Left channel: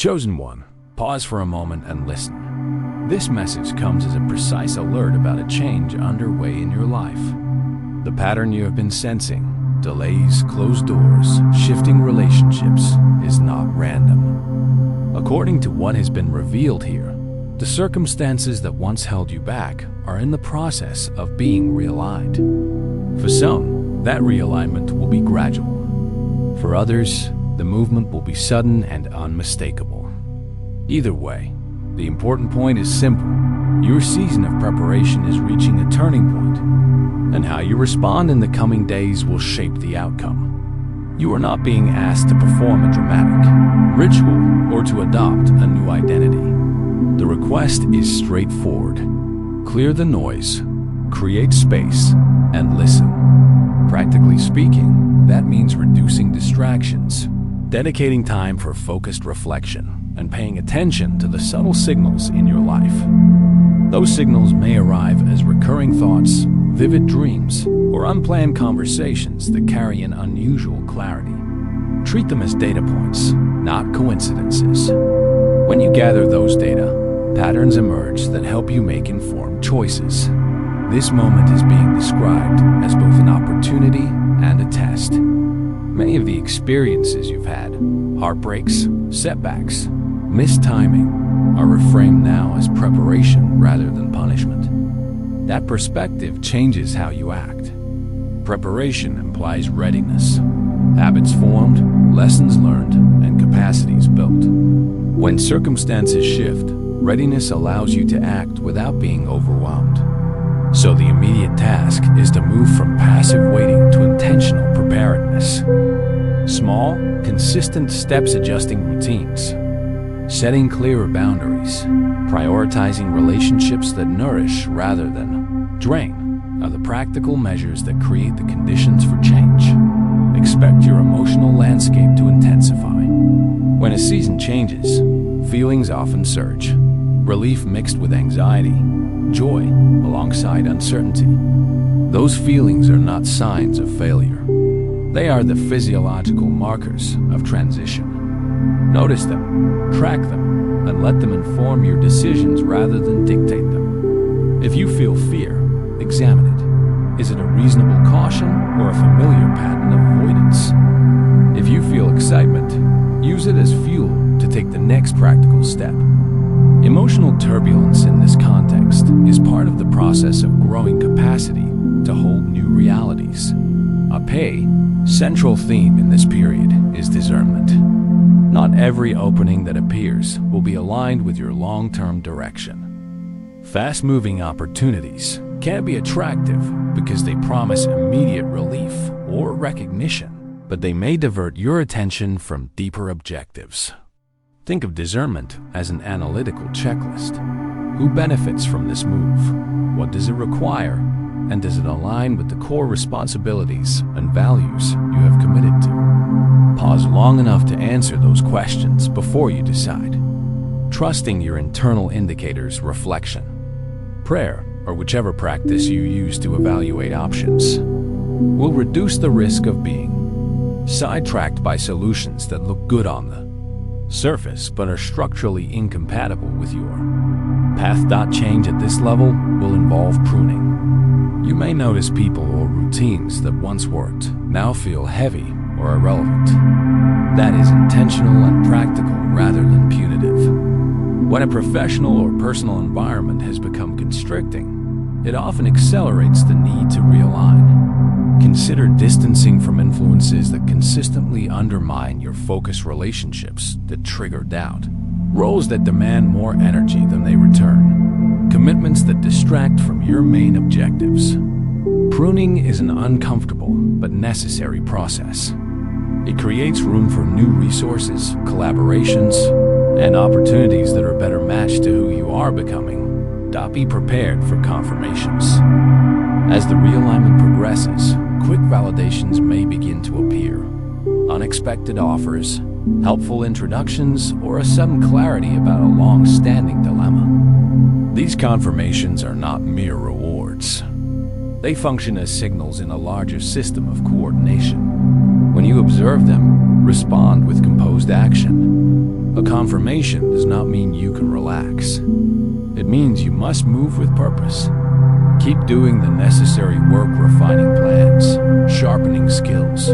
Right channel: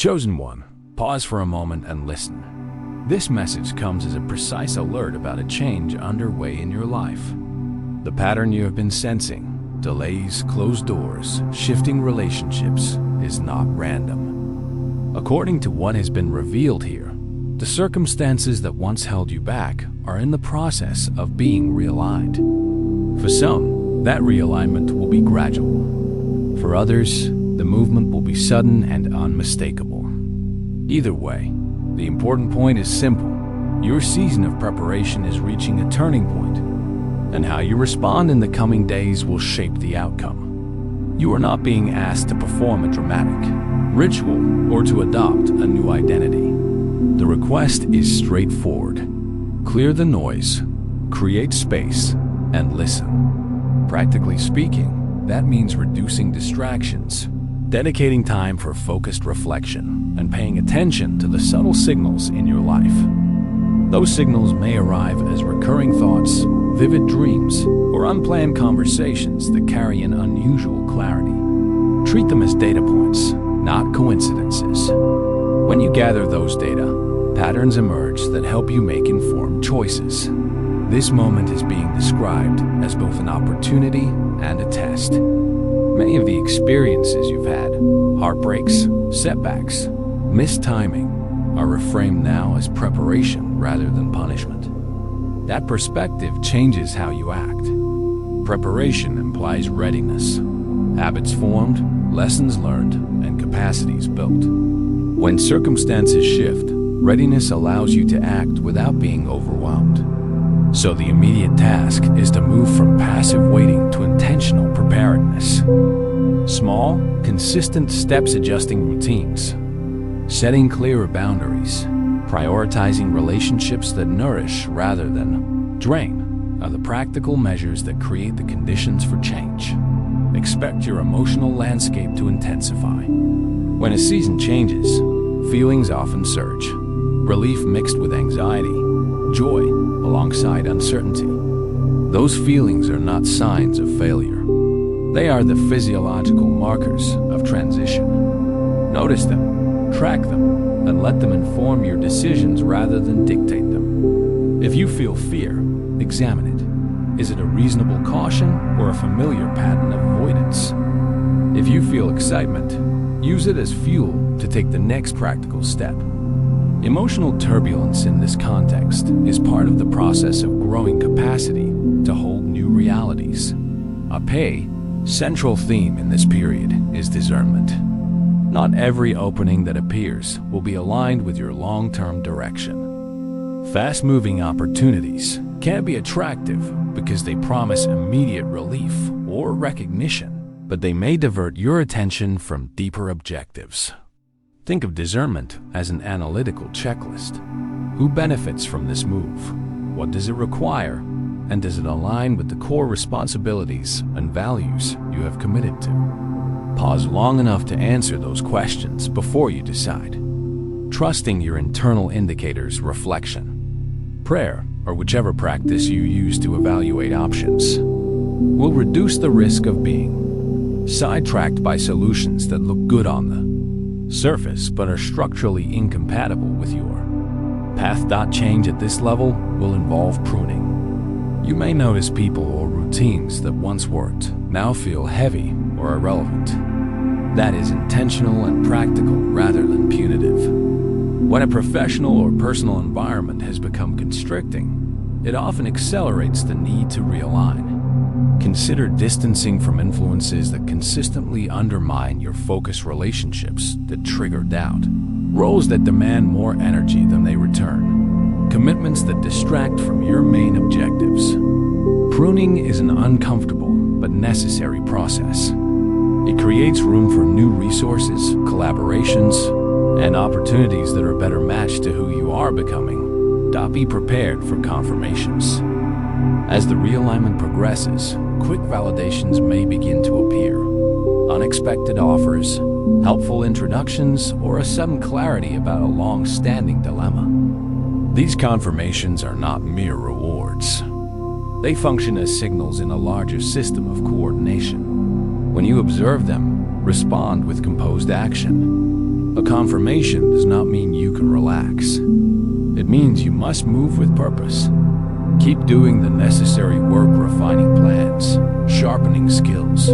Chosen one, pause for a moment and listen. This message comes as a precise alert about a change underway in your life. The pattern you have been sensing, delays, closed doors, shifting relationships, is not random. According to what has been revealed here, the circumstances that once held you back are in the process of being realigned. For some, that realignment will be gradual. For others, the movement will be sudden and unmistakable. Either way, the important point is simple. Your season of preparation is reaching a turning point, and how you respond in the coming days will shape the outcome. You are not being asked to perform a dramatic ritual or to adopt a new identity. The request is straightforward. Clear the noise, create space, and listen. Practically speaking, that means reducing distractions, dedicating time for focused reflection, and paying attention to the subtle signals in your life. Those signals may arrive as recurring thoughts, vivid dreams, or unplanned conversations that carry an unusual clarity. Treat them as data points, not coincidences. When you gather those data, patterns emerge that help you make informed choices. This moment is being described as both an opportunity and a test. Many of the experiences you've had, heartbreaks, setbacks, missed timing, are reframed now as preparation rather than punishment. That perspective changes how you act. Preparation implies readiness, habits formed, lessons learned, and capacities built. When circumstances shift, readiness allows you to act without being overwhelmed. So the immediate task is to move from passive waiting to intentional preparedness. Small, consistent steps, adjusting routines, setting clearer boundaries, prioritizing relationships that nourish rather than drain are the practical measures that create the conditions for change. Expect your emotional landscape to intensify. When a season changes, feelings often surge. Relief mixed with anxiety, joy alongside uncertainty. Those feelings are not signs of failure. They are the physiological markers of transition. Notice them, track them, and let them inform your decisions rather than dictate them. If you feel fear, examine it. Is it a reasonable caution or a familiar pattern of avoidance? If you feel excitement, use it as fuel to take the next practical step. Emotional turbulence in this context is part of the process of growing capacity to hold new realities. A central theme in this period is discernment. Not every opening that appears will be aligned with your long-term direction. Fast-moving opportunities can be attractive because they promise immediate relief or recognition, but they may divert your attention from deeper objectives. Think of discernment as an analytical checklist. Who benefits from this move? What does it require? And does it align with the core responsibilities and values you have committed to? Pause long enough to answer those questions before you decide. Trusting your internal indicators, reflection, prayer, or whichever practice you use to evaluate options, will reduce the risk of being sidetracked by solutions that look good on the surface but are structurally incompatible with your path. Change at this level will involve pruning. You may notice people or routines that once worked now feel heavy or irrelevant. That is intentional and practical rather than punitive. When a professional or personal environment has become constricting, it often accelerates the need to realign. Consider distancing from influences that consistently undermine your focused, relationships that trigger doubt, roles that demand more energy than they return, commitments that distract from your main objectives. Pruning is an uncomfortable but necessary process. It creates room for new resources, collaborations, and opportunities that are better matched to who you are becoming. Be prepared for confirmations. As the realignment progresses, quick validations may begin to appear. Unexpected offers, helpful introductions, or a sudden clarity about a long-standing dilemma. These confirmations are not mere rewards. They function as signals in a larger system of coordination. When you observe them, respond with composed action. A confirmation does not mean you can relax. It means you must move with purpose. Keep doing the necessary work, refining plans, sharpening skills,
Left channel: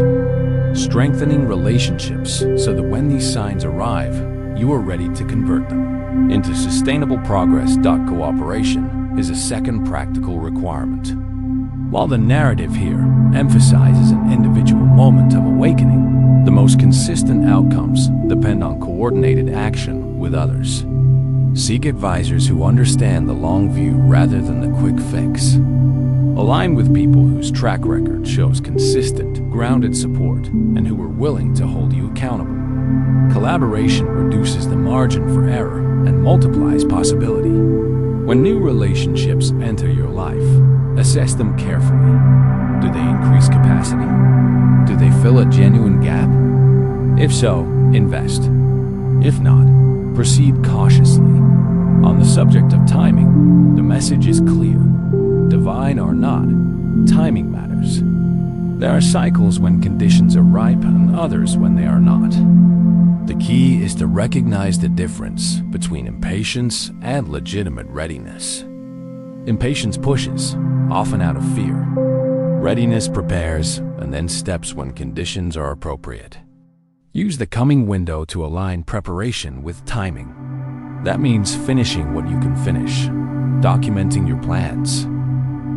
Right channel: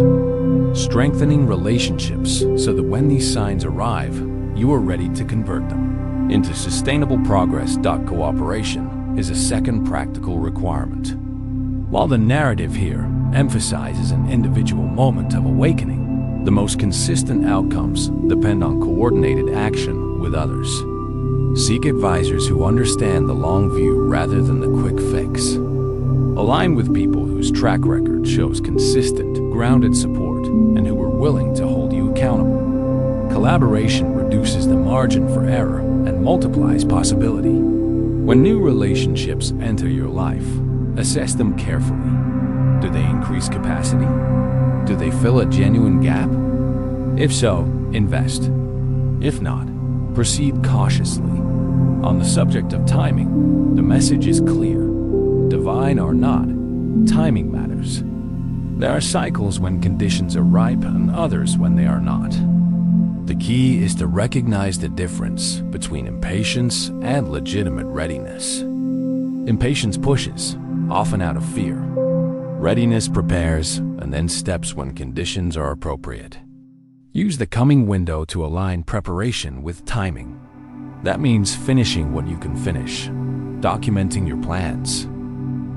strengthening relationships so that when these signs arrive, you are ready to convert them into sustainable progress. Cooperation is a second practical requirement. While the narrative here emphasizes an individual moment of awakening, the most consistent outcomes depend on coordinated action with others. Seek advisors who understand the long view rather than the quick fix. Align with people whose track record shows consistent, grounded support and who are willing to hold you accountable. Collaboration reduces the margin for error and multiplies possibility. When new relationships enter your life, assess them carefully. Do they increase capacity? Do they fill a genuine gap? If so, invest. If not, proceed cautiously. On the subject of timing, the message is clear. Divine or not, timing matters. There are cycles when conditions are ripe and others when they are not. The key is to recognize the difference between impatience and legitimate readiness. Impatience pushes, often out of fear. Readiness prepares and then steps when conditions are appropriate. Use the coming window to align preparation with timing. That means finishing what you can finish, documenting your plans,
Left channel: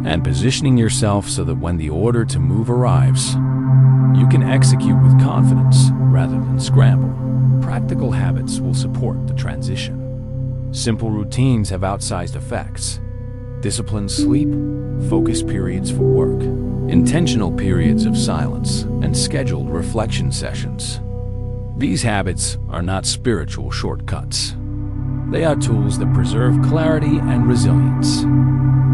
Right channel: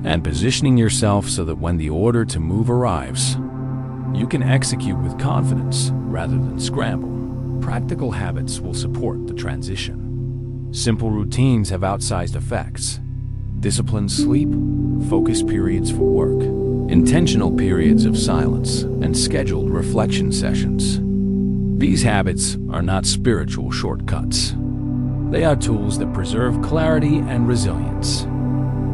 and positioning yourself so that when the order to move arrives, you can execute with confidence rather than scramble. Practical habits will support the transition. Simple routines have outsized effects. Disciplined sleep, focused periods for work, intentional periods of silence, and scheduled reflection sessions. These habits are not spiritual shortcuts. They are tools that preserve clarity and resilience.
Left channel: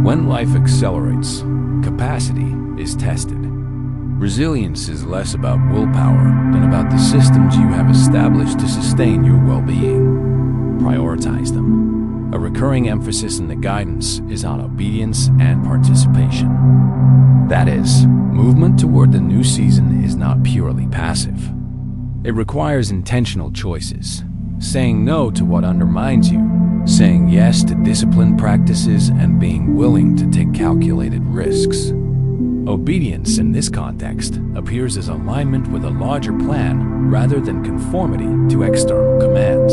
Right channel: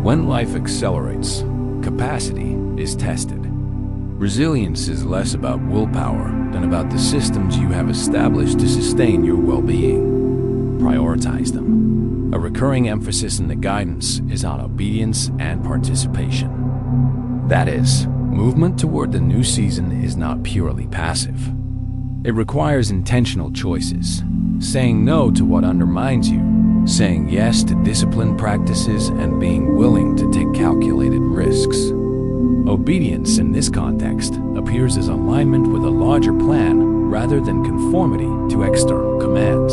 When life accelerates, capacity is tested. Resilience is less about willpower than about the systems you have established to sustain your well-being. Prioritize them. A recurring emphasis in the guidance is on obedience and participation. That is, movement toward the new season is not purely passive. It requires intentional choices, saying no to what undermines you, saying yes to disciplined practices, and being willing to take calculated risks. Obedience in this context appears as alignment with a larger plan rather than conformity to external commands.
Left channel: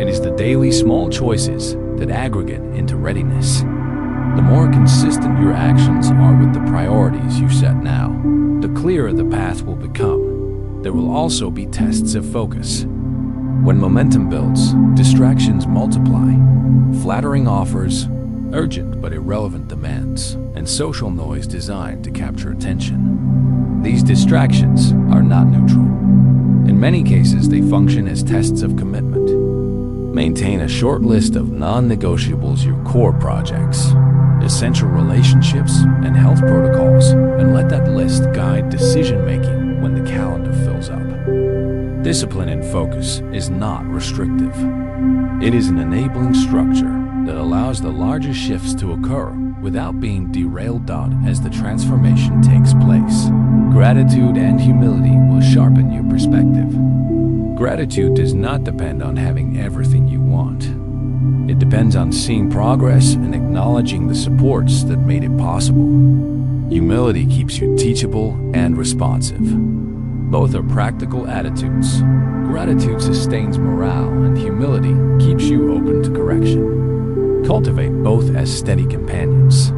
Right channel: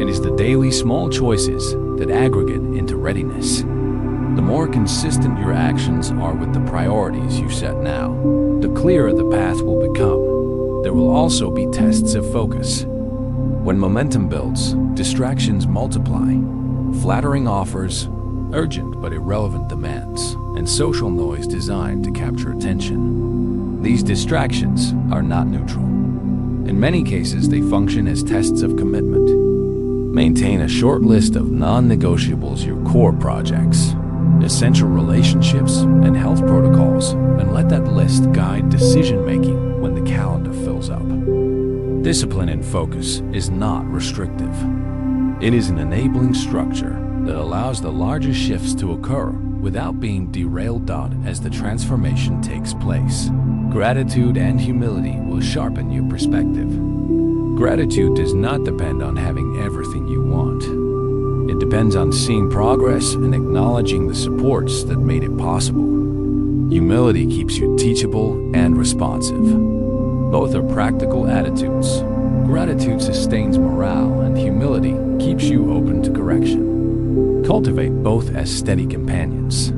It is the daily small choices that aggregate into readiness. The more consistent your actions are with the priorities you set now, the clearer the path will become. There will also be tests of focus. When momentum builds, distractions multiply. Flattering offers, urgent but irrelevant demands, and social noise designed to capture attention. These distractions are not neutral. In many cases, they function as tests of commitment. Maintain a short list of non-negotiables, your core projects, essential relationships, and health protocols, and let that list guide decision-making when the calendar fills up. Discipline and focus is not restrictive. It is an enabling structure that allows the larger shifts to occur without being derailed as the transformation takes place. Gratitude and humility will sharpen your perspective. Gratitude does not depend on having everything you want. It depends on seeing progress and acknowledging the supports that made it possible. Humility keeps you teachable and responsive. Both are practical attitudes. Gratitude sustains morale, and humility keeps you open to correction. Cultivate both as steady companions.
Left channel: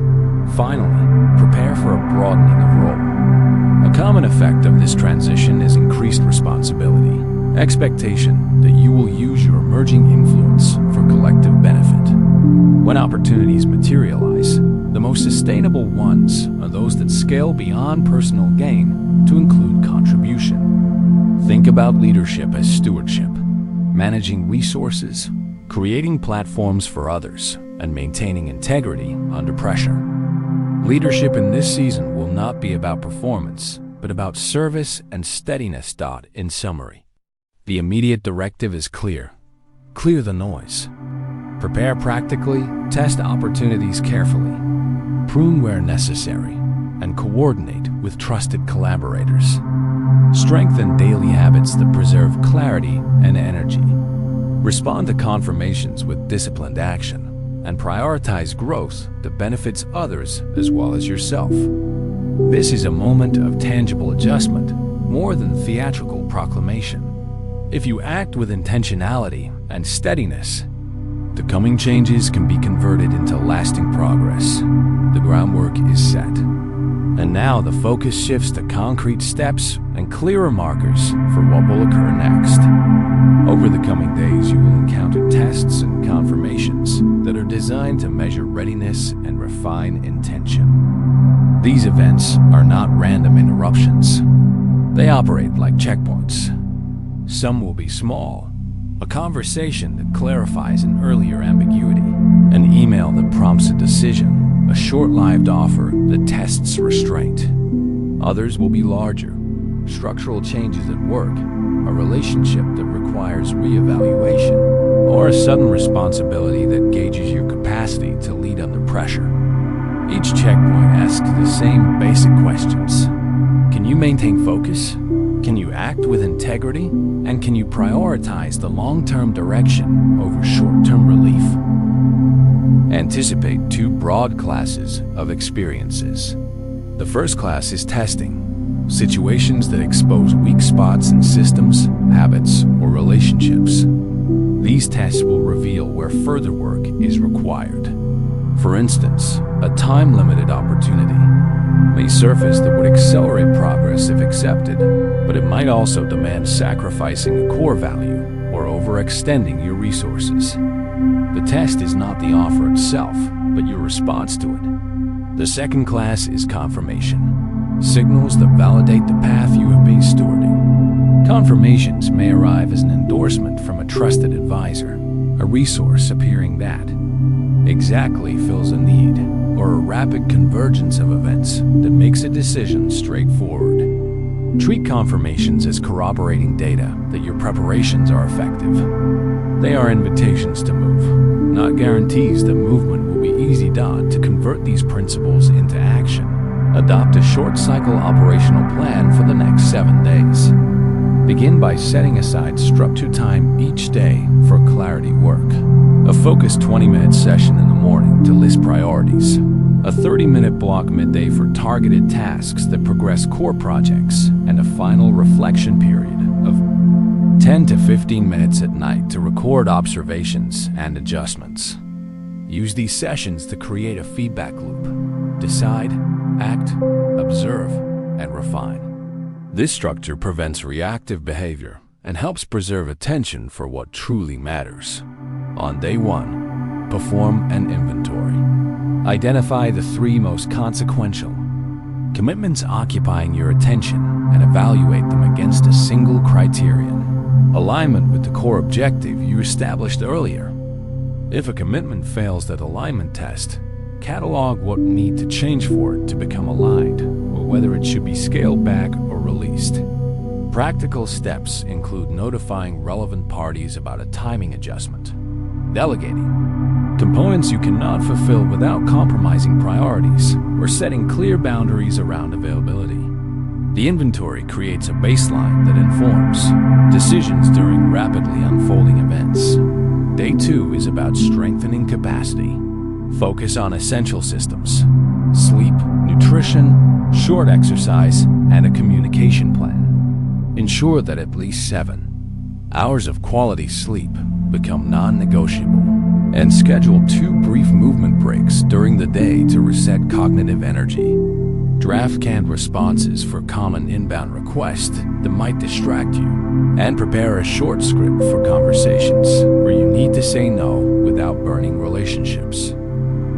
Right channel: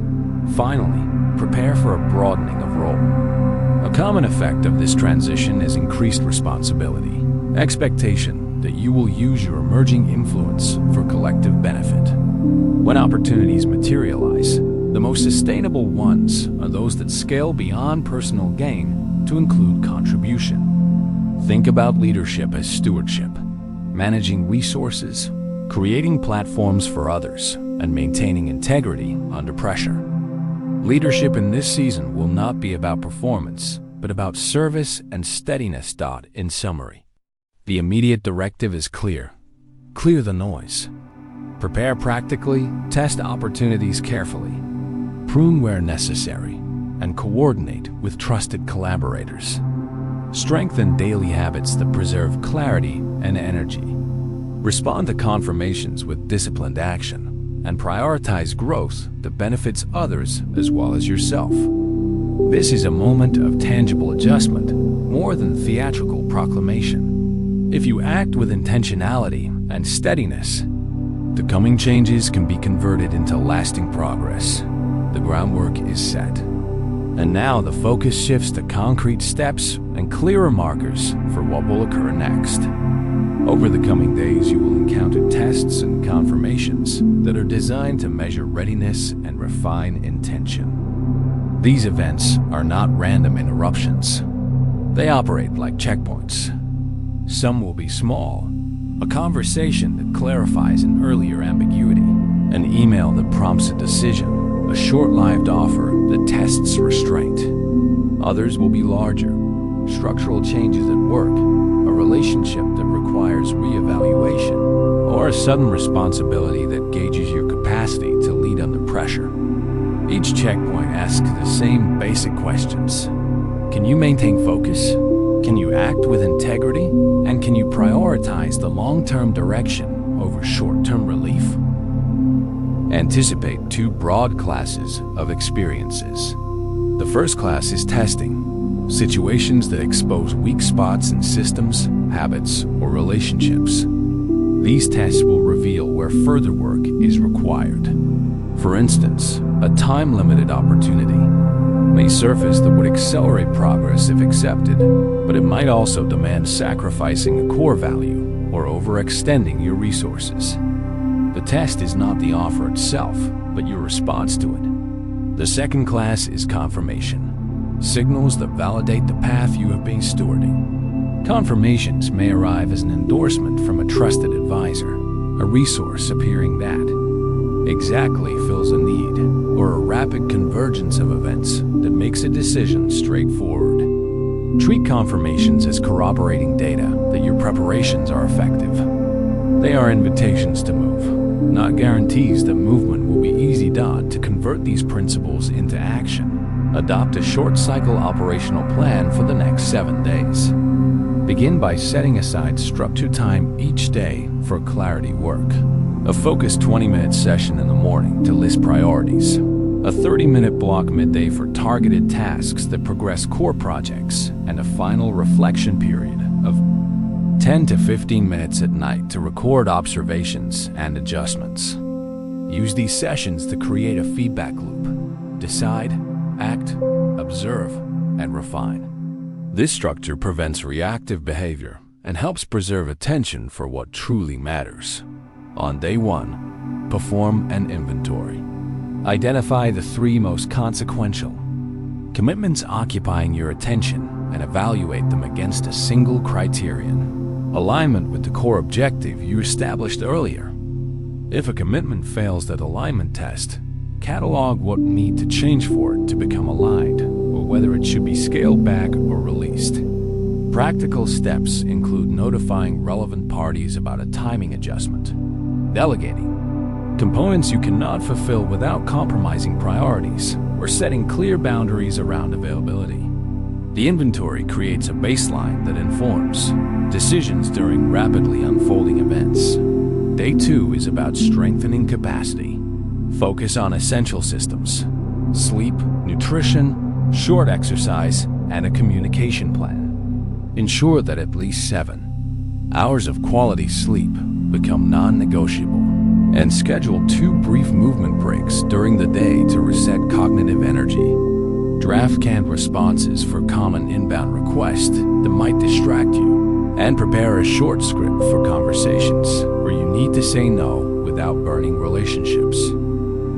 Finally, prepare for a broadening of role. A common effect of this transition is increased responsibility, expectation that you will use your emerging influence for collective benefit. When opportunities materialize, the most sustainable ones are those that scale beyond personal gain to include contribution. Think about leadership as stewardship, managing resources, creating platforms for others, and maintaining integrity under pressure. Leadership in this season will not be about performance, but about service and steadiness. In summary, the immediate directive is clear. Clear the noise. Prepare practically, test opportunities carefully, prune where necessary, and coordinate with trusted collaborators. Strengthen daily habits that preserve clarity and energy. Respond to confirmations with disciplined action and prioritize growth that benefits others as well as yourself. This is a moment of tangible adjustment, more than theatrical proclamation. If you act with intentionality and steadiness, the coming changes can be converted into lasting progress. The groundwork is set. And now the focus shifts to concrete steps and clearer markers for what will occur next. Over the coming days, you will encounter tests and confirmations that are designed to measure readiness and refine intention. These events are not random interruptions. They operate like checkpoints. Some will be small, a conversation that clarifies an earlier ambiguity, an email that prompts a decision, a short-lived offer that tests restraint. Others will be larger, structural changes at work, a relationship that requires reevaluation, or a sudden responsibility that gauges your capacity to lead under pressure. Each checkpoint asks the same basic questions. Can you maintain focus? Can you act with integrity? And can you prioritize the long-term direction over short-term relief? Anticipate two broad classes of experiences. The first class is testing. Situations that expose weak spots in systems, habits, or relationships. These tests will reveal where further work is required. For instance, a time-limited opportunity may surface that would accelerate progress if accepted, but it might also demand sacrificing a core value or overextending your resources. The test is not the offer itself, but your response to it. The second class is confirmation. Signals that validate the path you have been stewarding. Confirmations may arrive as an endorsement from a trusted advisor, a resource appearing that exactly fills a need, or a rapid convergence of events that makes a decision straightforward. Treat confirmations as corroborating data that your preparations are effective. They are invitations to move, not guarantees that movement will be easy to convert these principles into action. Adopt a short-cycle operational plan for the next 7 days. Begin by setting aside structured time each day for clarity work. A focused 20-minute session in the morning to list priorities. A 30-minute block midday for targeted tasks that progress core projects. And a final reflection period of 10 to 15 minutes at night to record observations and adjustments. Use these sessions to create a feedback loop. Decide, act, observe, and refine. This structure prevents reactive behavior and helps preserve attention for what truly matters. On day 1, perform an inventory. Identify the 3 most consequential commitments occupying your attention and evaluate them against a single criterion: alignment with the core objective you established earlier. If a commitment fails that alignment test, catalog what need to change for it to become aligned, or whether it should be scaled back or released. Practical steps include notifying relevant parties about a timing adjustment, delegating components you cannot fulfill without compromising priorities, or setting clear boundaries around availability. The inventory creates a baseline that informs decisions during rapidly unfolding events. Day 2 is about strengthening capacity. Focus on essential systems: sleep, nutrition, short exercise, and a communication plan. Ensure that at least 7 hours of quality sleep become non-negotiable, and schedule 2 brief movement breaks during the day to reset cognitive energy. Draft canned responses for common inbound requests that might distract you, and prepare a short script for conversations where you need to say no without burning relationships.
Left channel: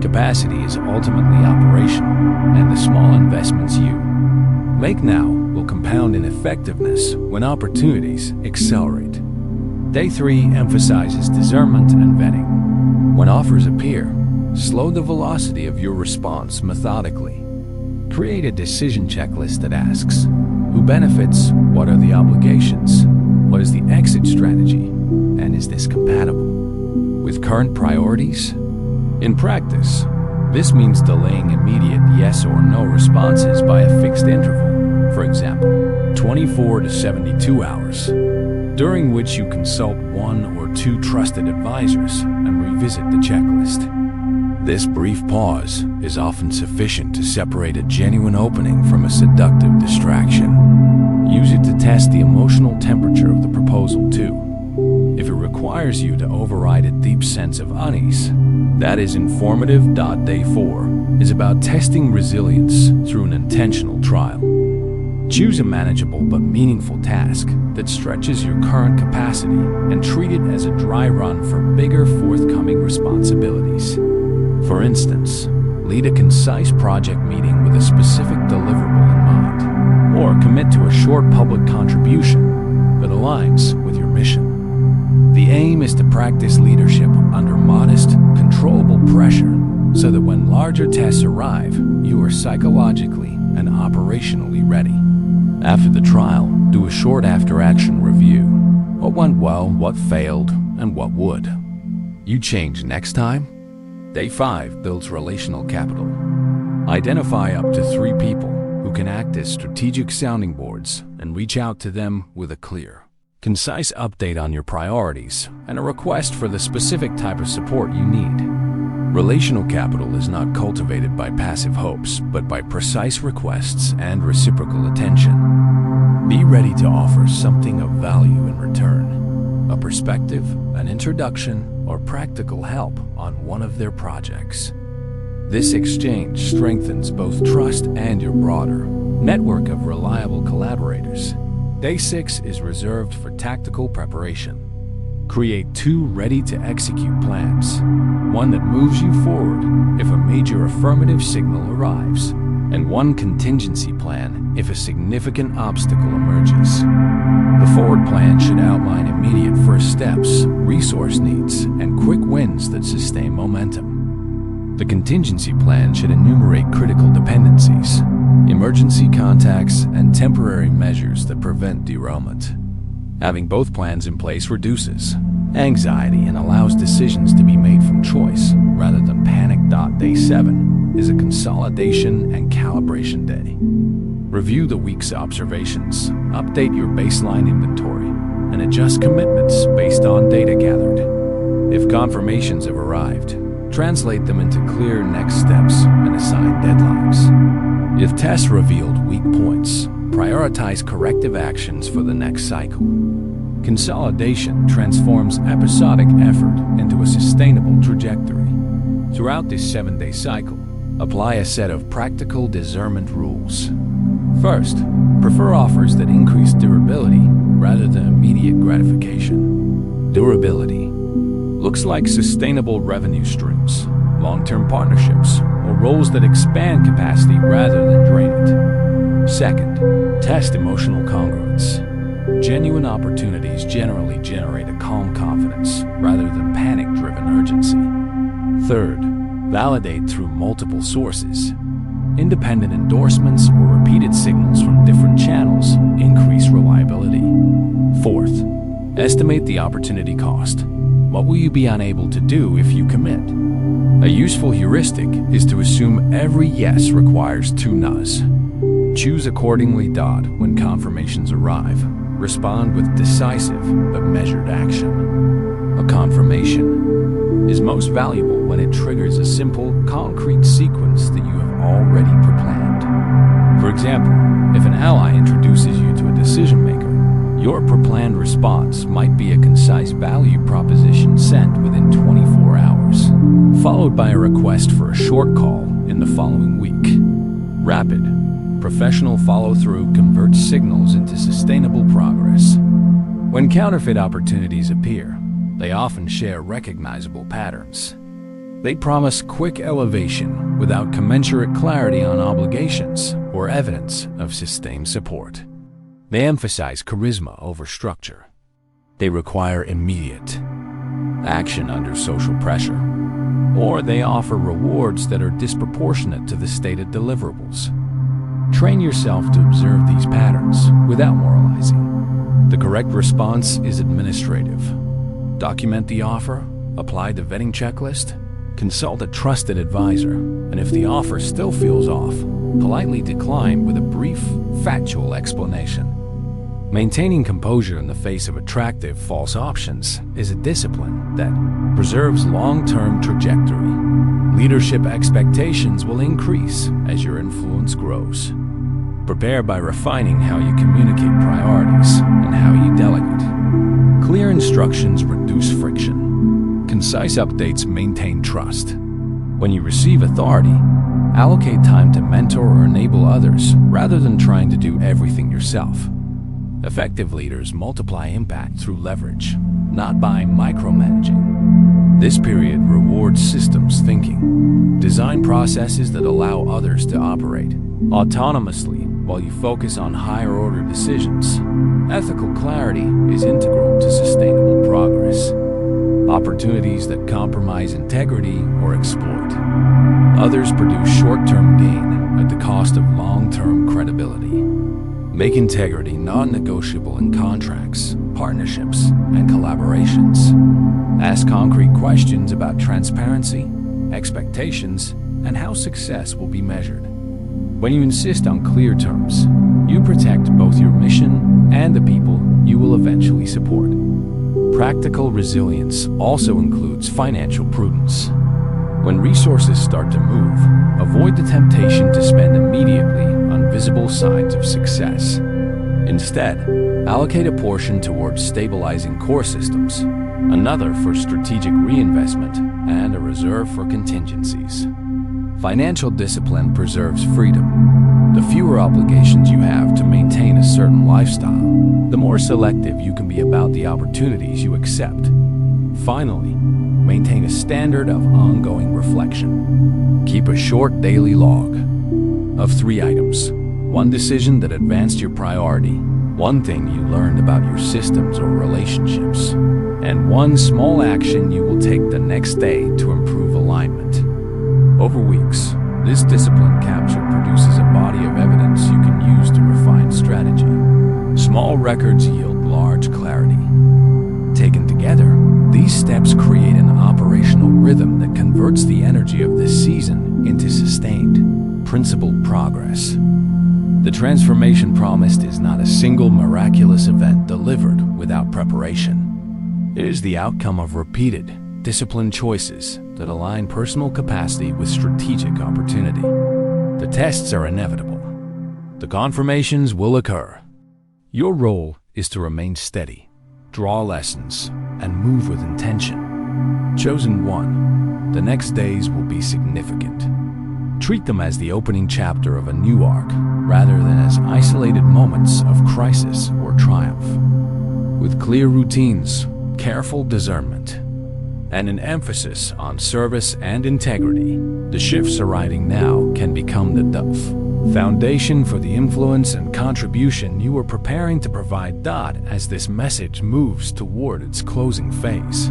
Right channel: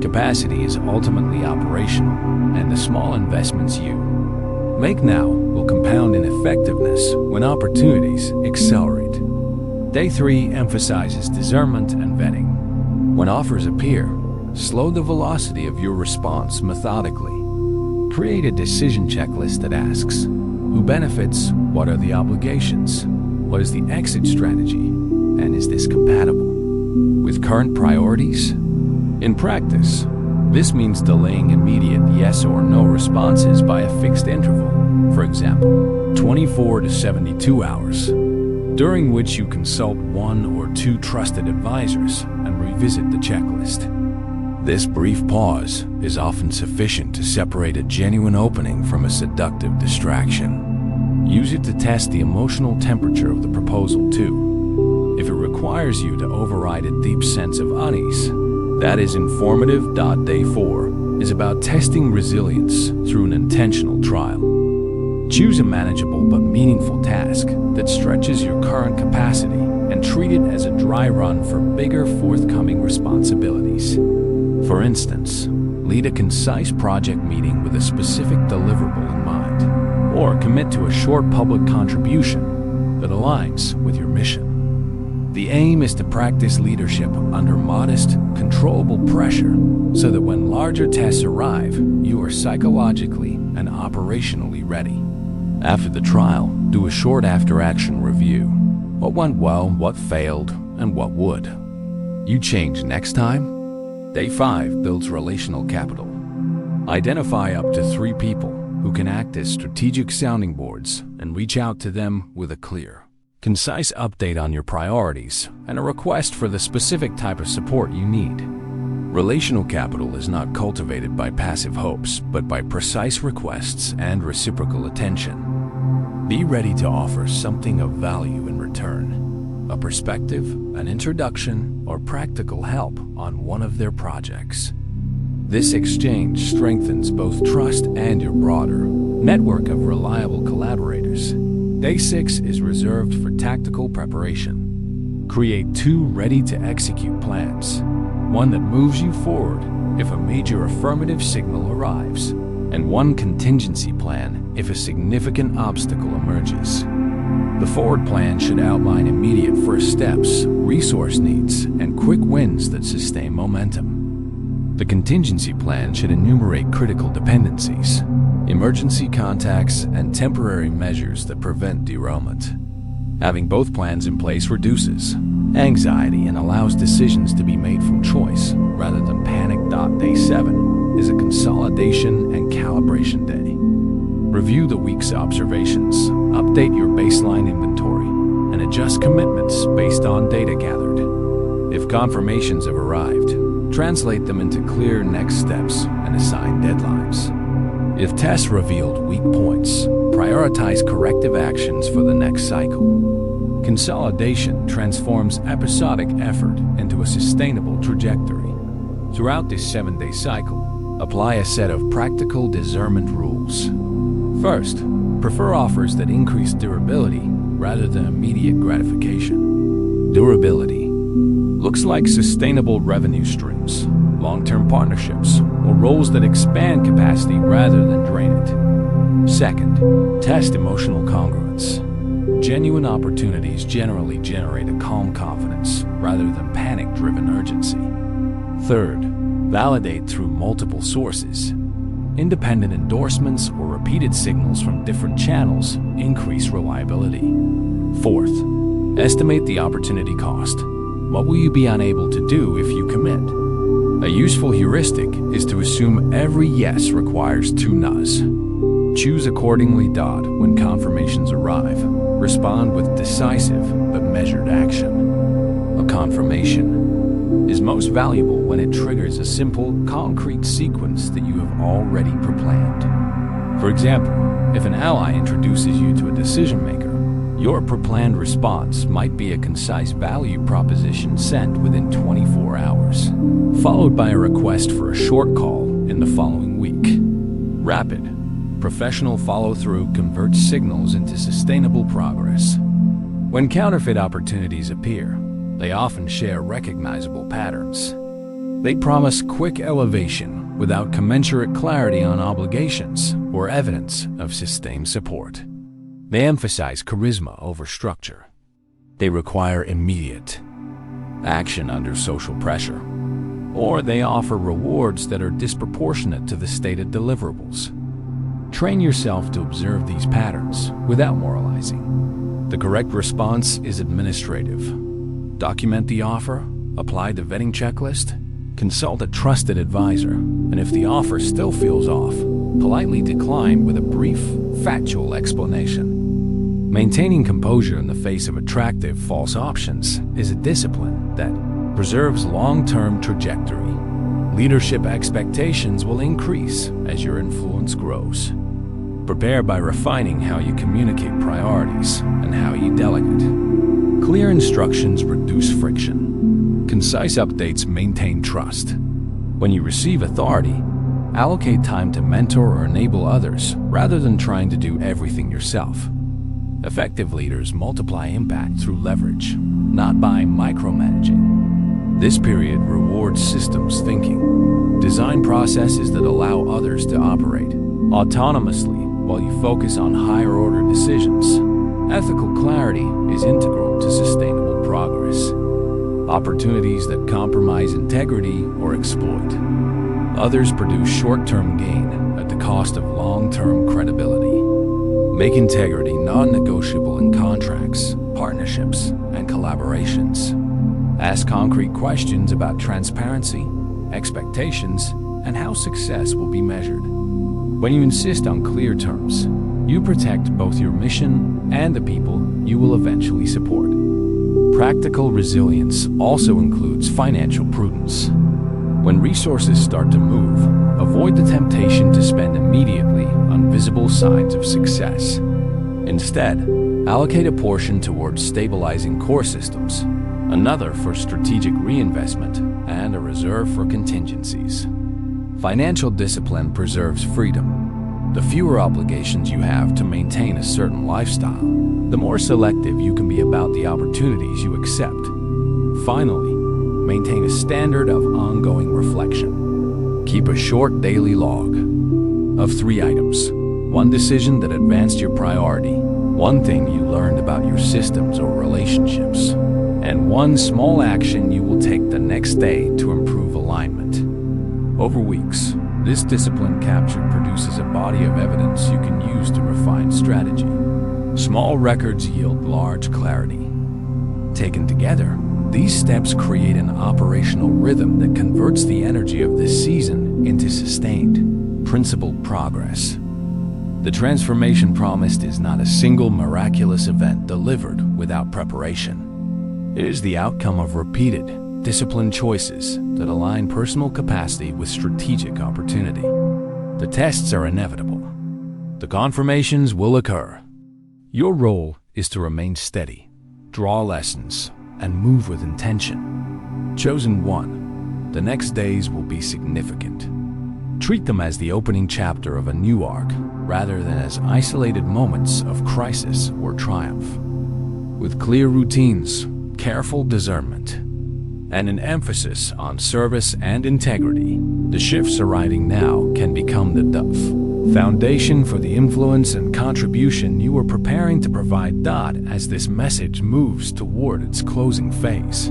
Capacity is ultimately operational, and the small investments you make now will compound in effectiveness when opportunities accelerate. Day 3 emphasizes discernment and vetting. When offers appear, slow the velocity of your response methodically. Create a decision checklist that asks, who benefits? What are the obligations? What is the exit strategy? And is this compatible with current priorities? In practice, this means delaying immediate yes or no responses by a fixed interval, for example, 24 to 72 hours. during which you consult one or two trusted advisors and revisit the checklist. This brief pause is often sufficient to separate a genuine opening from a seductive distraction. Use it to test the emotional temperature of the proposal too. If it requires you to override a deep sense of unease, that is informative. Day 4 is about testing resilience through an intentional trial. Choose a manageable but meaningful task that stretches your current capacity and treat it as a dry run for bigger forthcoming responsibilities. For instance, lead a concise project meeting with a specific deliverable in mind, or commit to a short public contribution that aligns with your mission. The aim is to practice leadership under modest, controllable pressure so that when larger tests arrive, you are psychologically and operationally ready. After the trial, do a short after-action review. What went well, what failed, and what would. You change next time? Day 5 builds relational capital. Identify up to 3 people who can act as strategic sounding boards and reach out to them with a clear, concise update on your priorities and a request for the specific type of support you need. Relational capital is not cultivated by passive hopes, but by precise requests and reciprocal attention. Be ready to offer something of value in return, a perspective, an introduction, or practical help on one of their projects. This exchange strengthens both trust and your broader network of reliable collaborators. Day 6 is reserved for tactical preparation. Create 2 ready-to-execute plans. One that moves you forward if a major affirmative signal arrives, and one contingency plan if a significant obstacle emerges. The forward plan should outline immediate first steps, resource needs, and quick wins that sustain momentum. The contingency plan should enumerate critical dependencies, emergency contacts, and temporary measures that prevent derailment. Having both plans in place reduces anxiety and allows decisions to be made from choice rather than panic. Day 7 is a consolidation and calibration day. Review the week's observations, update your baseline inventory, and adjust commitments based on data gathered. If confirmations have arrived, translate them into clear next steps and assign deadlines. If tests revealed weak points, prioritize corrective actions for the next cycle. Consolidation transforms episodic effort into a sustainable trajectory. Throughout this 7-day cycle, apply a set of practical discernment rules. First, prefer offers that increase durability rather than immediate gratification. Durability looks like sustainable revenue streams, long-term partnerships, or roles that expand capacity rather than drain it. Second, test emotional congruence. Genuine opportunities generally generate a calm confidence rather than panic-driven urgency. Third, validate through multiple sources. Independent endorsements or repeated signals from different channels increase reliability. Fourth, estimate the opportunity cost. What will you be unable to do if you commit? A useful heuristic is to assume every yes requires 2 no's. Choose accordingly. When confirmations arrive, respond with decisive but measured action. A confirmation is most valuable when it triggers a simple, concrete sequence that you have already pre-planned. For example, if an ally introduces you to a decision maker, your pre-planned response might be a concise value proposition sent within 24 hours, followed by a request for a short call in the following week. Rapid, professional follow-through converts signals into sustainable progress. When counterfeit opportunities appear, they often share recognizable patterns. They promise quick elevation without commensurate clarity on obligations or evidence of sustained support. They emphasize charisma over structure. They require immediate action under social pressure, or they offer rewards that are disproportionate to the stated deliverables. Train yourself to observe these patterns without moralizing. The correct response is administrative. Document the offer, apply the vetting checklist, consult a trusted advisor, and if the offer still feels off, politely decline with a brief, factual explanation. Maintaining composure in the face of attractive false options is a discipline that preserves long-term trajectory. Leadership expectations will increase as your influence grows. Prepare by refining how you communicate priorities and how you delegate. Clear instructions reduce friction. Concise updates maintain trust. When you receive authority, allocate time to mentor or enable others rather than trying to do everything yourself. Effective leaders multiply impact through leverage, not by micromanaging. This period rewards systems thinking. Design processes that allow others to operate autonomously while you focus on higher-order decisions. Ethical clarity is integral to sustainable progress. Opportunities that compromise integrity or exploit others produce short-term gain at the cost of long-term credibility. Make integrity non-negotiable in contracts, partnerships, and collaborations. Ask concrete questions about transparency, expectations, and how success will be measured. When you insist on clear terms, you protect both your mission and the people you will eventually support. Practical resilience also includes financial prudence. When resources start to move, avoid the temptation to spend immediately on visible signs of success. Instead, allocate a portion towards stabilizing core systems, another for strategic reinvestment, and a reserve for contingencies. Financial discipline preserves freedom. The fewer obligations you have to maintain a certain lifestyle, the more selective you can be about the opportunities you accept. Finally, maintain a standard of ongoing reflection. Keep a short daily log of 3 items. 1 decision that advanced your priority, 1 thing you learned about your systems or relationships, and 1 small action you will take the next day to improve alignment. Over weeks, this discipline capture produces a body of evidence you can use to refine strategy. Small records yield large clarity. Taken together, these steps create an operational rhythm that converts the energy of this season into sustained, principled progress. The transformation promised is not a single miraculous event delivered without preparation. It is the outcome of repeated, disciplined choices that align personal capacity with strategic opportunity. The tests are inevitable. The confirmations will occur. Your role is to remain steady, draw lessons, and move with intention. Chosen one, the next days will be significant. Treat them as the opening chapter of a new arc, rather than as isolated moments of crisis or triumph. With clear routines, careful discernment, and an emphasis on service and integrity, the shifts arriving now can become the foundation for the influence and contribution you are preparing to provide. As this message moves toward its closing phase,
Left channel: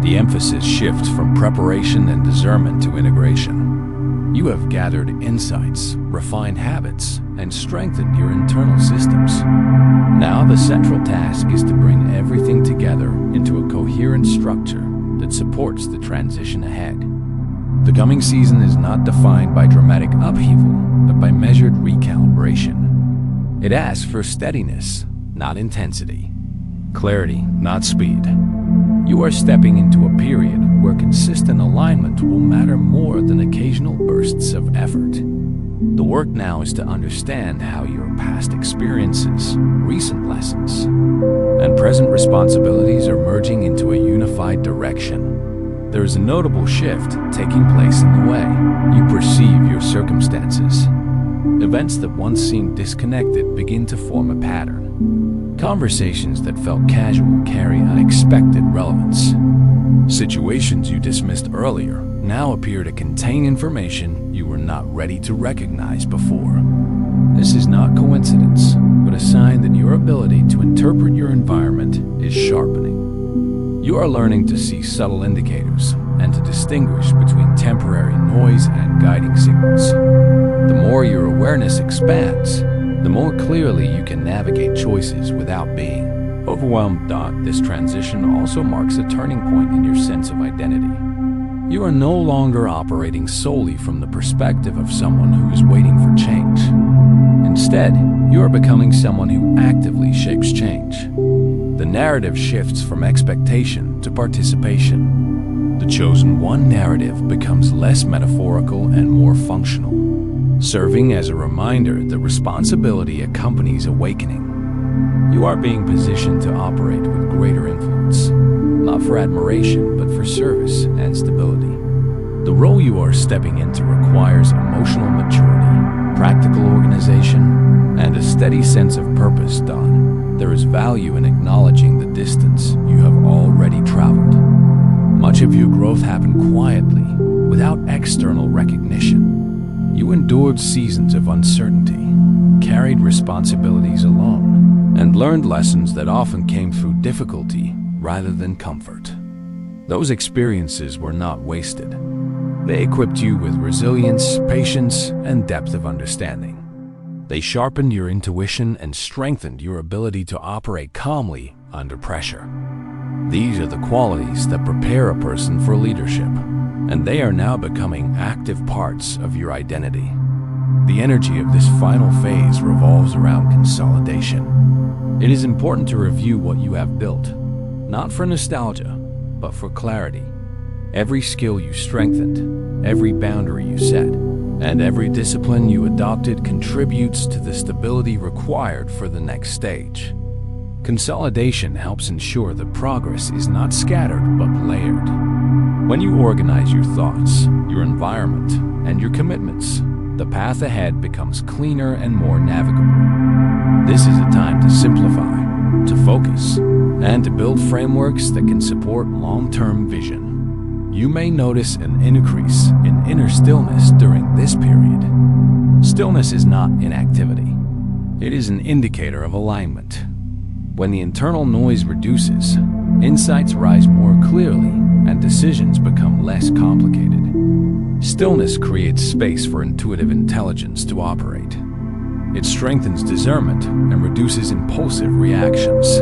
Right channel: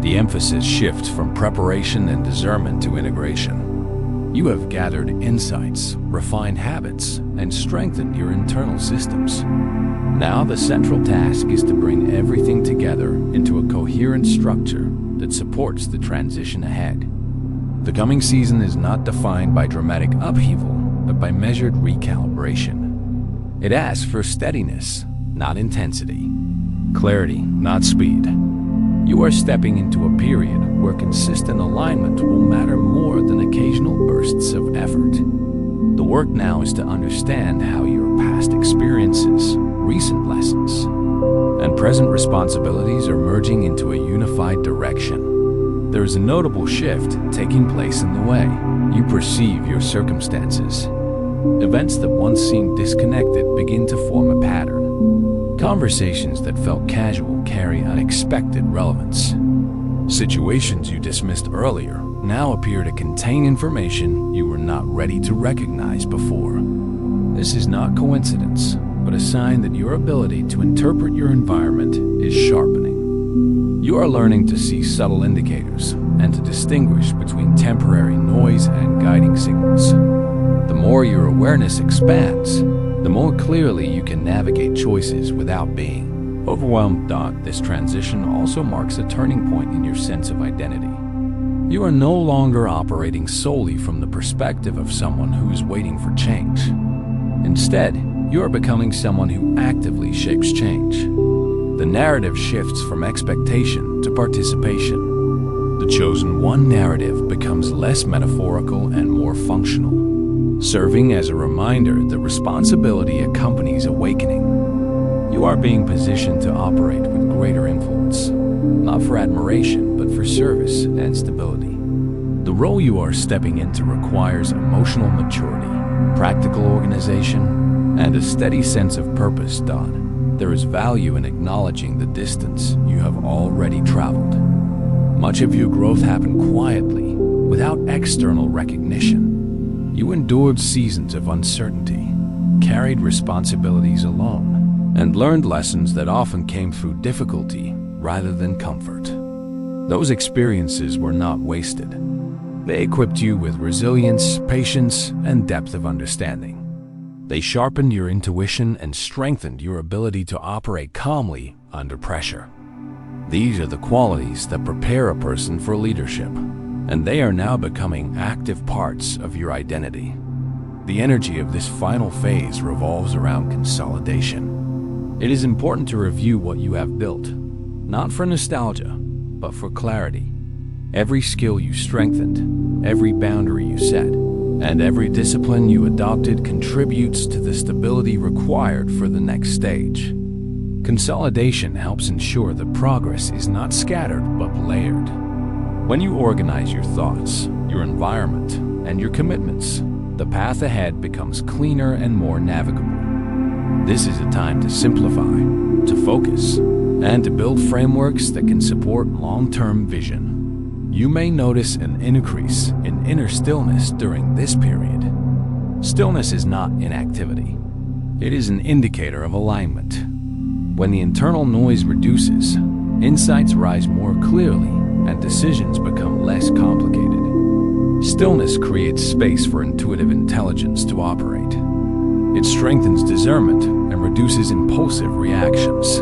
the emphasis shifts from preparation and discernment to integration. You have gathered insights, refined habits, and strengthened your internal systems. Now the central task is to bring everything together into a coherent structure that supports the transition ahead. The coming season is not defined by dramatic upheaval, but by measured recalibration. It asks for steadiness, not intensity, clarity, not speed. You are stepping into a period where consistent alignment will matter more than occasional bursts of effort. The work now is to understand how your past experiences, recent lessons, and present responsibilities are merging into a unified direction. There is a notable shift taking place in the way you perceive your circumstances. Events that once seemed disconnected begin to form a pattern. Conversations that felt casual carry unexpected relevance. Situations you dismissed earlier now appear to contain information you were not ready to recognize before. This is not coincidence, but a sign that your ability to interpret your environment is sharpening. You are learning to see subtle indicators and to distinguish between temporary noise and guiding signals. The more your awareness expands, the more clearly you can navigate choices without being overwhelmed. This transition also marks a turning point in your sense of identity. You are no longer operating solely from the perspective of someone who is waiting for change. Instead, you are becoming someone who actively shapes change. The narrative shifts from expectation to participation. The chosen one narrative becomes less metaphorical and more functional, serving as a reminder that responsibility accompanies awakening. You are being positioned to operate with greater influence, not for admiration, but for service and stability. The role you are stepping into requires emotional maturity, practical organization, and a steady sense of purpose. There is value in acknowledging the distance you have already traveled. Much of your growth happened quietly, without external recognition. You endured seasons of uncertainty, carried responsibilities alone, and learned lessons that often came through difficulty rather than comfort. Those experiences were not wasted. They equipped you with resilience, patience, and depth of understanding. They sharpened your intuition and strengthened your ability to operate calmly under pressure. These are the qualities that prepare a person for leadership, and they are now becoming active parts of your identity. The energy of this final phase revolves around consolidation. It is important to review what you have built, not for nostalgia, but for clarity. Every skill you strengthened, every boundary you set, and every discipline you adopted contributes to the stability required for the next stage. Consolidation helps ensure that progress is not scattered but layered. When you organize your thoughts, your environment, and your commitments, the path ahead becomes cleaner and more navigable. This is a time to simplify, to focus, and to build frameworks that can support long-term vision. You may notice an increase in inner stillness during this period. Stillness is not inactivity. It is an indicator of alignment. When the internal noise reduces, insights rise more clearly and decisions become less complicated. Stillness creates space for intuitive intelligence to operate. It strengthens discernment and reduces impulsive reactions.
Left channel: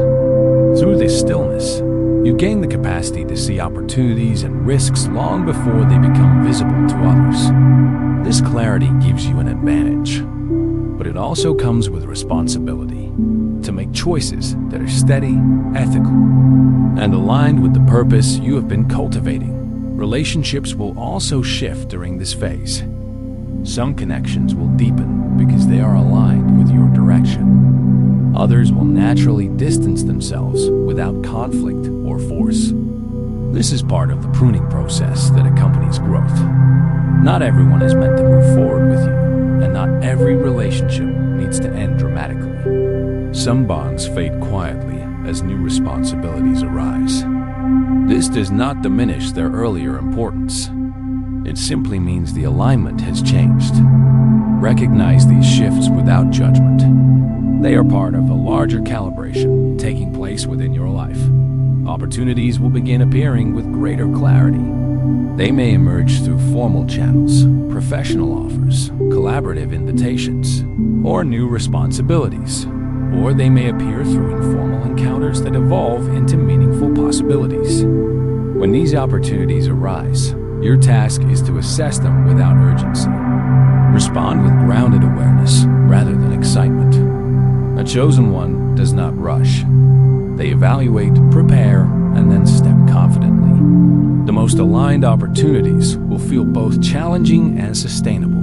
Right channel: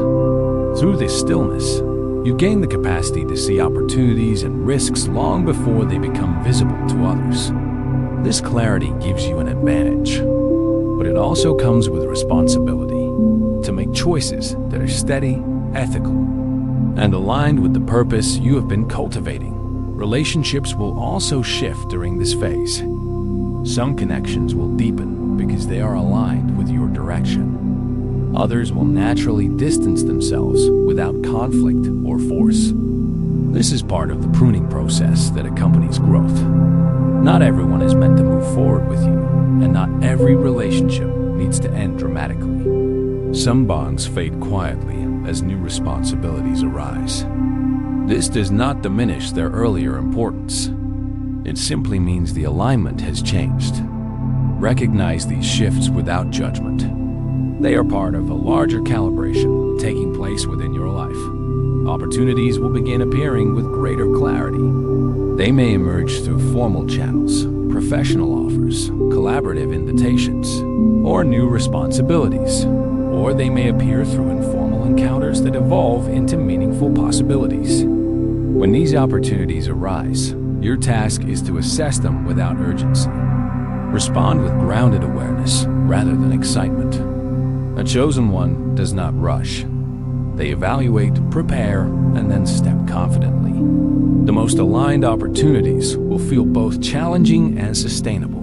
Through this stillness, you gain the capacity to see opportunities and risks long before they become visible to others. This clarity gives you an advantage, but it also comes with responsibility to make choices that are steady, ethical, and aligned with the purpose you have been cultivating. Relationships will also shift during this phase. Some connections will deepen because they are aligned with your direction. Others will naturally distance themselves without conflict or force. This is part of the pruning process that accompanies growth. Not everyone is meant to move forward with you, and not every relationship needs to end dramatically. Some bonds fade quietly as new responsibilities arise. This does not diminish their earlier importance. It simply means the alignment has changed. Recognize these shifts without judgment. They are part of a larger calibration taking place within your life. Opportunities will begin appearing with greater clarity. They may emerge through formal channels, professional offers, collaborative invitations, or new responsibilities. Or they may appear through informal encounters that evolve into meaningful possibilities. When these opportunities arise, your task is to assess them without urgency. Respond with grounded awareness rather than excitement. A chosen one does not rush. They evaluate, prepare, and then step confidently. The most aligned opportunities will feel both challenging and sustainable.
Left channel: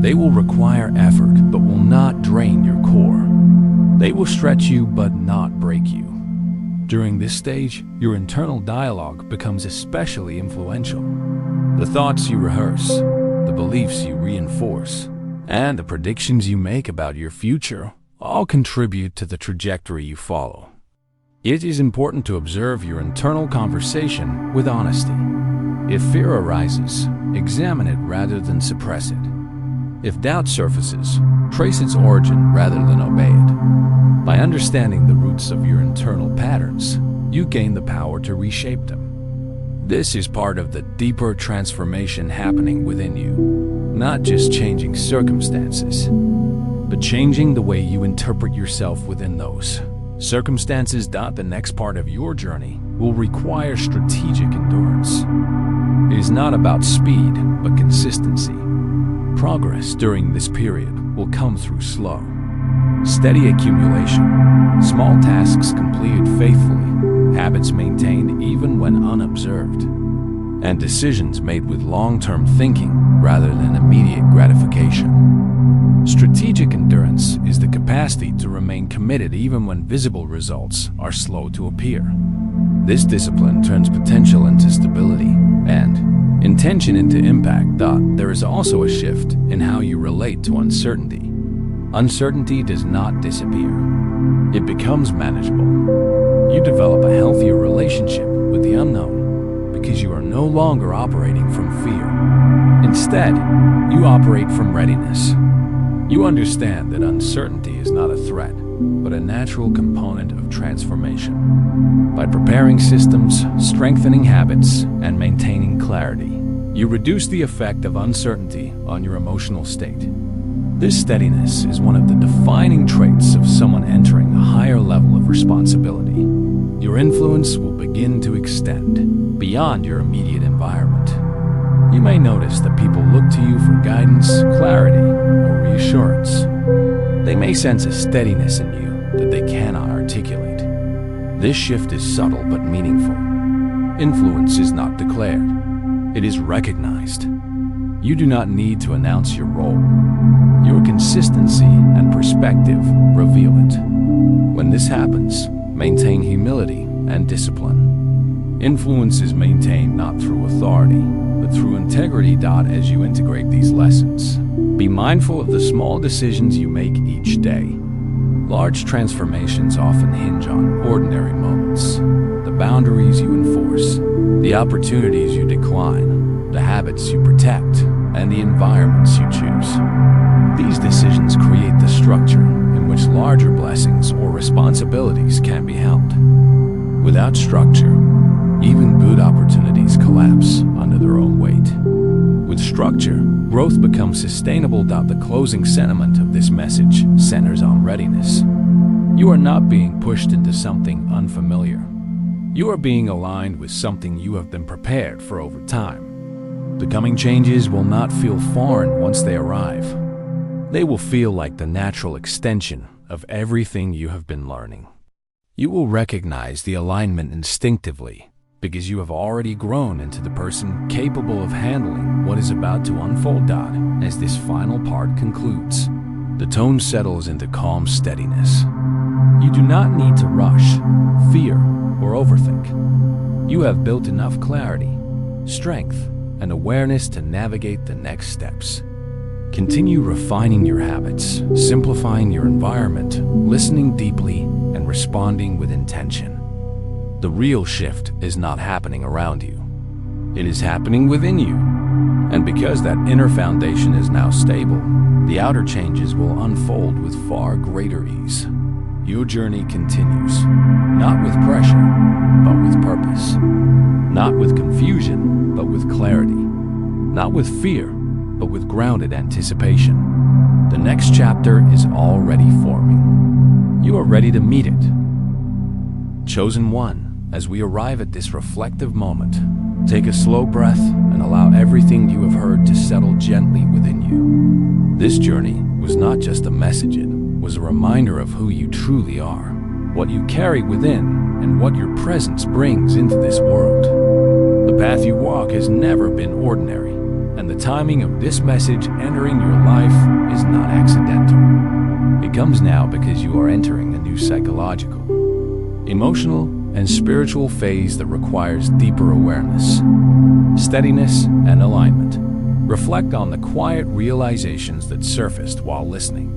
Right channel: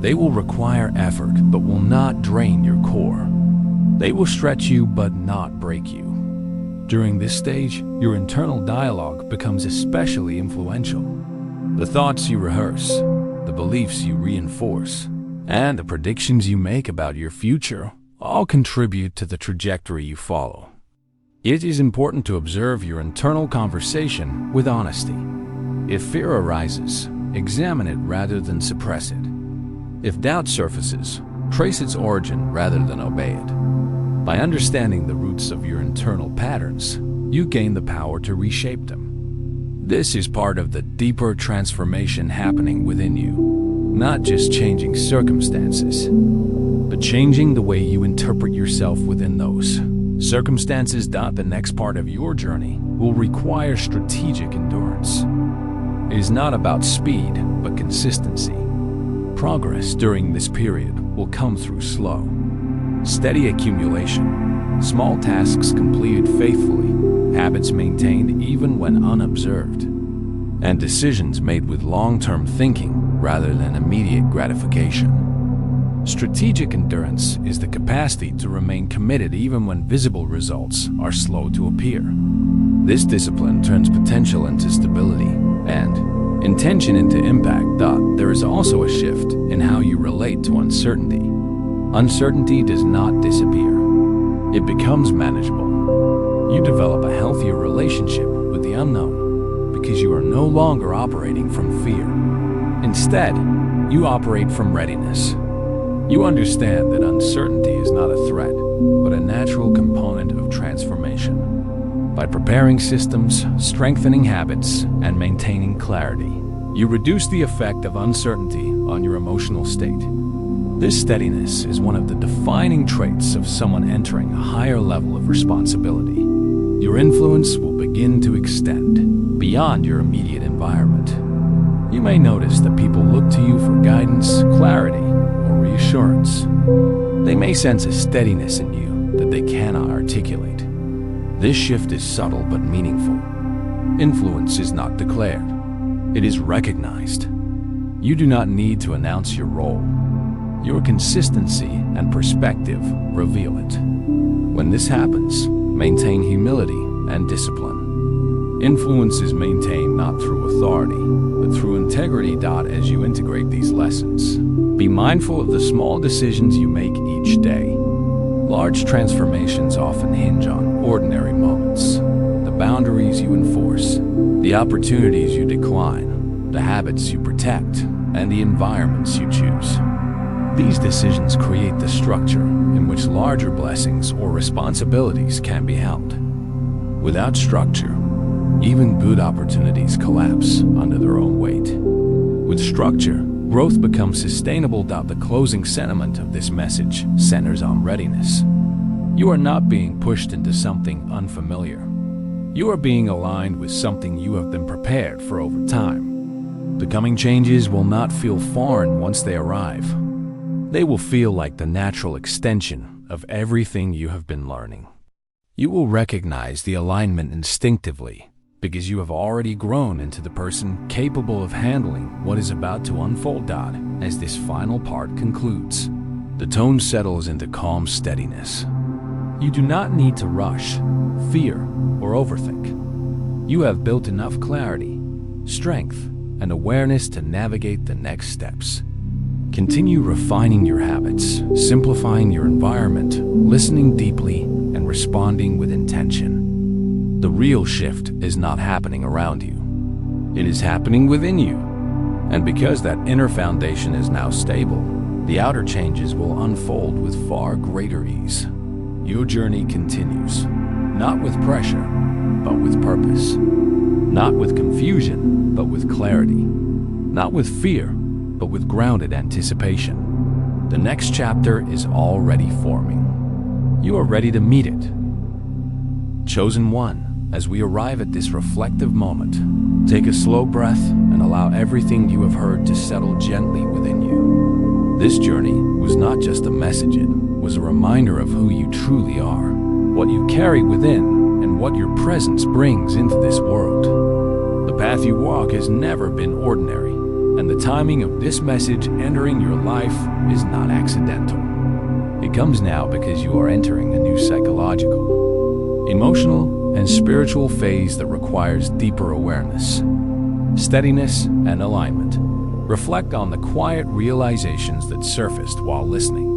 They will require effort, but will not drain your core. They will stretch you, but not break you. During this stage, your internal dialogue becomes especially influential. The thoughts you rehearse, the beliefs you reinforce, and the predictions you make about your future all contribute to the trajectory you follow. It is important to observe your internal conversation with honesty. If fear arises, examine it rather than suppress it. If doubt surfaces, trace its origin rather than obey it. By understanding the roots of your internal patterns, you gain the power to reshape them. This is part of the deeper transformation happening within you, not just changing circumstances, but changing the way you interpret yourself within those circumstances. The next part of your journey will require strategic endurance. It is not about speed, but consistency. Progress during this period will come through slow, steady accumulation, small tasks completed faithfully, habits maintained even when unobserved, and decisions made with long-term thinking rather than immediate gratification. Strategic endurance is the capacity to remain committed even when visible results are slow to appear. This discipline turns potential into stability and intention into impact. There is also a shift in how you relate to uncertainty. Uncertainty does not disappear. It becomes manageable. You develop a healthier relationship with the unknown because you are no longer operating from fear. Instead, you operate from readiness. You understand that uncertainty is not a threat, but a natural component of transformation. By preparing systems, strengthening habits, and maintaining clarity, you reduce the effect of uncertainty on your emotional state. This steadiness is one of the defining traits of someone entering a higher level of responsibility. Your influence will begin to extend beyond your immediate environment. You may notice that people look to you for guidance, clarity, or reassurance. They may sense a steadiness in you that they cannot articulate. This shift is subtle but meaningful. Influence is not declared. It is recognized. You do not need to announce your role. Your consistency and perspective reveal it. When this happens, maintain humility and discipline. Influence is maintained not through authority, but through integrity. As you integrate these lessons, be mindful of the small decisions you make each day. Large transformations often hinge on ordinary moments. The boundaries you enforce, the opportunities you decline, the habits you protect, and the environments you choose. These decisions create the structure in which larger blessings or responsibilities can be held. Without structure, even good opportunities collapse under their own weight. With structure, growth becomes sustainable. The closing sentiment of this message centers on readiness. You are not being pushed into something unfamiliar. You are being aligned with something you have been prepared for over time. The coming changes will not feel foreign once they arrive. They will feel like the natural extension of everything you have been learning. You will recognize the alignment instinctively because you have already grown into the person capable of handling what is about to unfold. As this final part concludes, the tone settles into calm steadiness. You do not need to rush, fear, or overthink. You have built enough clarity, strength, and awareness to navigate the next steps. Continue refining your habits, simplifying your environment, listening deeply, and responding with intention. The real shift is not happening around you. It is happening within you. And because that inner foundation is now stable, the outer changes will unfold with far greater ease. Your journey continues, not with pressure, but with purpose. Not with confusion, but with clarity. Not with fear, but with grounded anticipation. The next chapter is already forming. You are ready to meet it. Chosen one, as we arrive at this reflective moment, take a slow breath and allow everything you have heard to settle gently within you. This journey was not just a message, it was a reminder of who you truly are, what you carry within, and what your presence brings into this world. The path you walk has never been ordinary, and the timing of this message entering your life is not accidental. It comes now because you are entering a new psychological, emotional, and spiritual phase that requires deeper awareness, steadiness, and alignment. Reflect on the quiet realizations that surfaced while listening.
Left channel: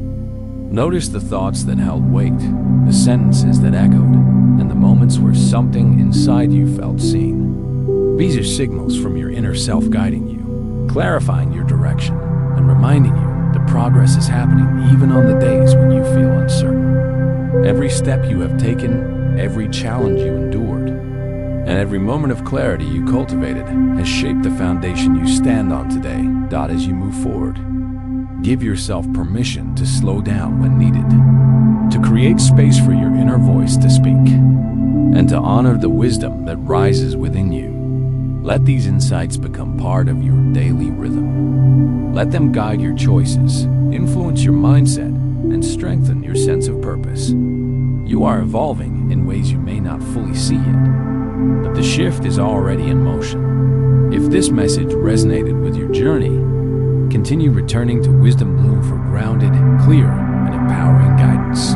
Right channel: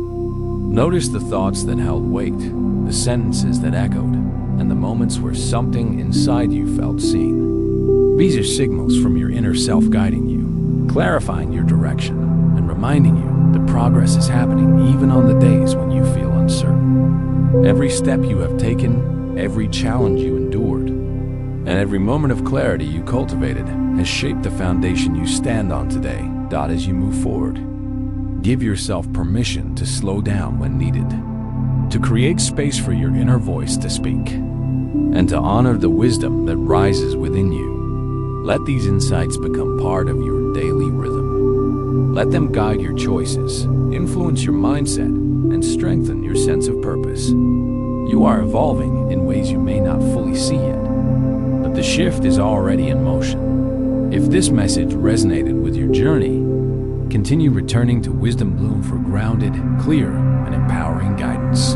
Notice the thoughts that held weight, the sentences that echoed, and the moments where something inside you felt seen. These are signals from your inner self guiding you, clarifying your direction, and reminding you that progress is happening even on the days when you feel uncertain. Every step you have taken, every challenge you endured, and every moment of clarity you cultivated has shaped the foundation you stand on today. As you move forward, give yourself permission to slow down when needed, to create space for your inner voice to speak, and to honor the wisdom that rises within you. Let these insights become part of your daily rhythm. Let them guide your choices, influence your mindset, and strengthen your sense of purpose. You are evolving in ways you may not fully see yet, but the shift is already in motion. If this message resonated with your journey, continue returning to Wisdom Bloom for grounded, clear, and empowering guidance.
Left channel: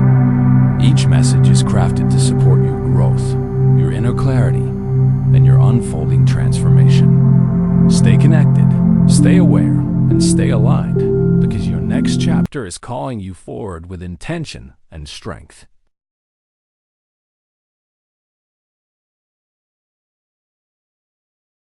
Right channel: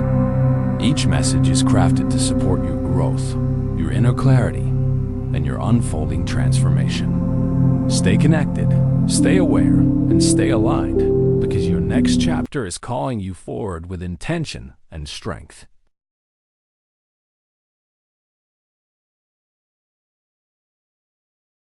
Each message is crafted to support your growth, your inner clarity, and your unfolding transformation. Stay connected, stay aware, and stay aligned, because your next chapter is calling you forward with intention and strength.